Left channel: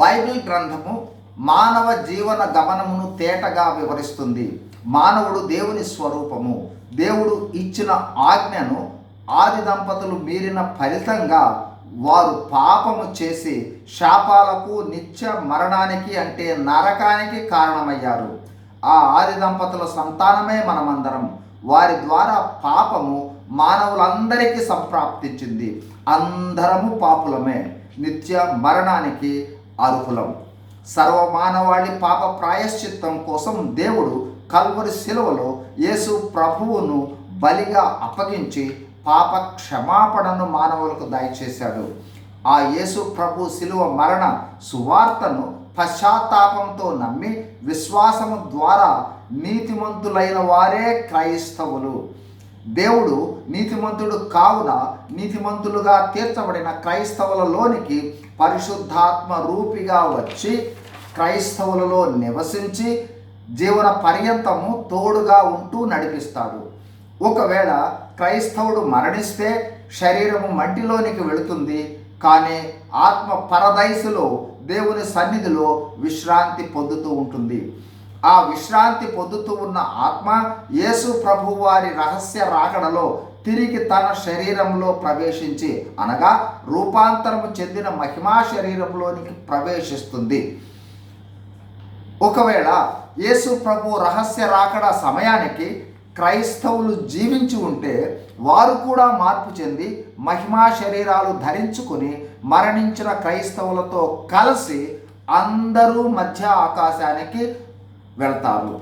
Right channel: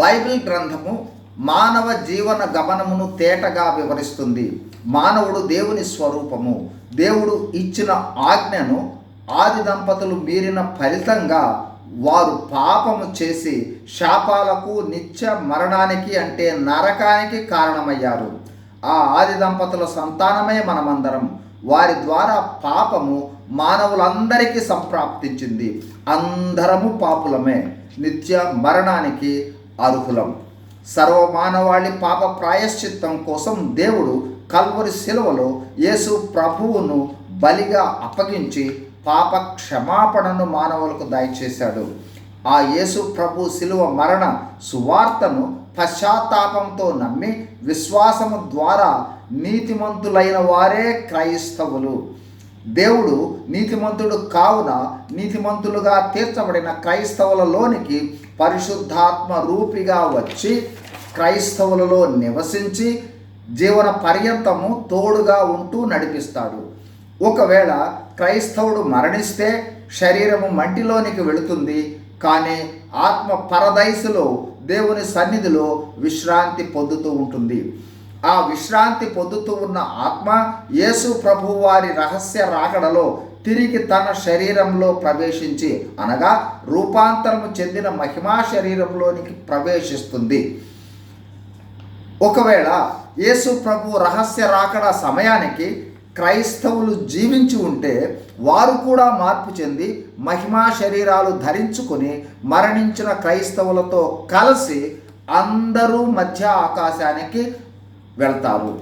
Bible గ్రంథము మానవ జీవన గమనమును తేటగా వివరిస్తుంది. మానవుడు దేవుని స్వరూపము. దేవుడు ఇచ్చిన ఆజ్ఞను ఆది దంపతులు మీరిన ఫలితంగా వారు పాపము చేసి శాపాలకు నిత్య మరణానికి అంటే నరకానికి కారణమయ్యారు. ఆ ఆది దంపతుల సంతానమే మనమందరం. వారి ద్వారా పాపము మానవులందరికీ సంప్రాప్తించింది. అందరము పాపులమే. నిత్య మరణానికి అర్హులం. సర్వమానవాళి పాప ప్రాయశ్చిత్తం కోసం దేవుడు కల్వరి శిలువలో యేసు ప్రభువును బలిగా అప్పగించి పాప క్షమాపణను మానవులకు దయచేశాడు. ఆ యేసు ప్రభు శిలువ మరణ సువార్తను పశ్చాత్తాపంతో నమ్మి విశ్వాసము ద్వారా నీతిమంతులైన వారే క్రైస్తవులు. దేవుడు నీతిమంతుడు కావున నీతిమంతులుగా తీర్చబడిన క్రైస్తవులలోనికి పరిశుద్ధాత్మ రూపిగా వచ్చి క్రైస్తవులలో నివసించి జీవన పర్యంతము తోడుగా ఉంటూ నడిపిస్తాడు. ఒకవేళ క్రైస్తవుడు మరణిస్తే శరీరము మంటిలోనికి వెళుతుంది కానీ ఆత్మ పరదైసులో దేవుని సన్నిధిలో విశ్రాంతి పొందుతూ ఉంటుంది. ఆ విశ్రాంతి పొందుతూ ఉన్న ఆత్మ యేసు ప్రభు వారి రహస్య రాకడలో తిరిగి తన శరీరంలో ప్రవేశించి అనగా రూపాంతరము చెందిన మహిమా శరీరంలోనికి ప్రవేశిస్తుంది. ఒకవేళ యేసు ప్రభు రహస్య రాకడ సమయానికి క్రైస్తవులు జీవించి ఉంటే వారు కూడా మార్పు చెంది మహిమా శరీరాలు ధరించుకొని మరణించిన క్రైస్తవులతో కలిసి అందరూ మధ్య ఆకాశానికి వెళ్తారు.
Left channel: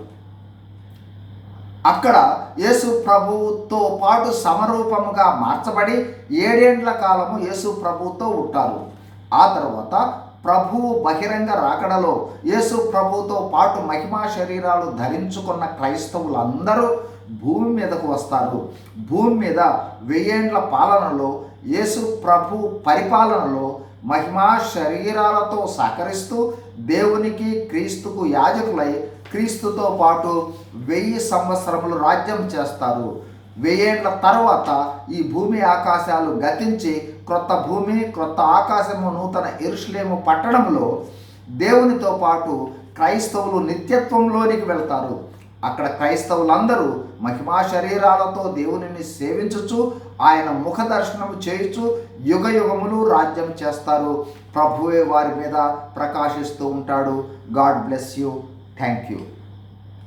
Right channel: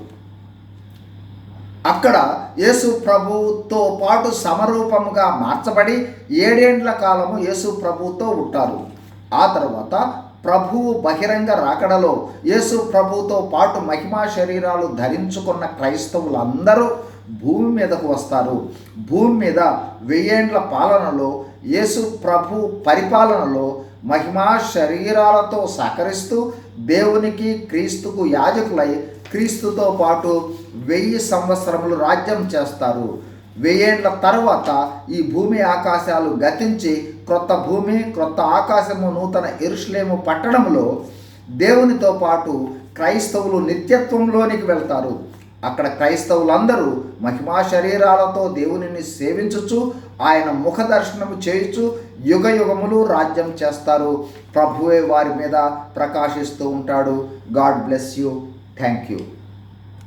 అక్కడ యేసు ప్రభుతో పాటు సమరూపముగా మార్చబడి ఏడేండ్ల కాలము యేసు ప్రభుతో ఉంటారు. ఆ తర్వాత ప్రభువు బహిరంగ రాకడలో యేసు ప్రభుతో పాటు మహిమా శరీరాలు ధరించుకున్న క్రైస్తవులందరూ భూమి మీదకు వస్తారు. భూమి మీద వెయ్యేండ్ల పాలనలో యేసు ప్రభు పరిపాలనలో మహిమా శరీరాలతో సహకరిస్తూ దేవునికి క్రీస్తుకు యాజకులై క్రీస్తుతో పాటు వెయ్యి సంవత్సరములు రాజ్యం చేస్తారు. వెయ్యేండ్ల తర్వాత ఈ భూమి ఆకాశాలు గతించి క్రొత్త భూమి క్రొత్త ఆకాశము నూతన ఎరుషులేము పట్టణంలో దేవునితో పాటు క్రైస్తవులు నిత్యత్వంలోనికి వెళ్తారు. అక్కడ క్రైస్తవులందరూ మహిమా శరీరాలతో దేవునిని సేవించుచు ఆయన ముఖ దర్శనము చేయుచు యుగ యుగములు రాజ్యం చేస్తారు. ప్రభువే వారి మీద ప్రకాశిస్తూ ఉంటాడు. God bless you. Thank you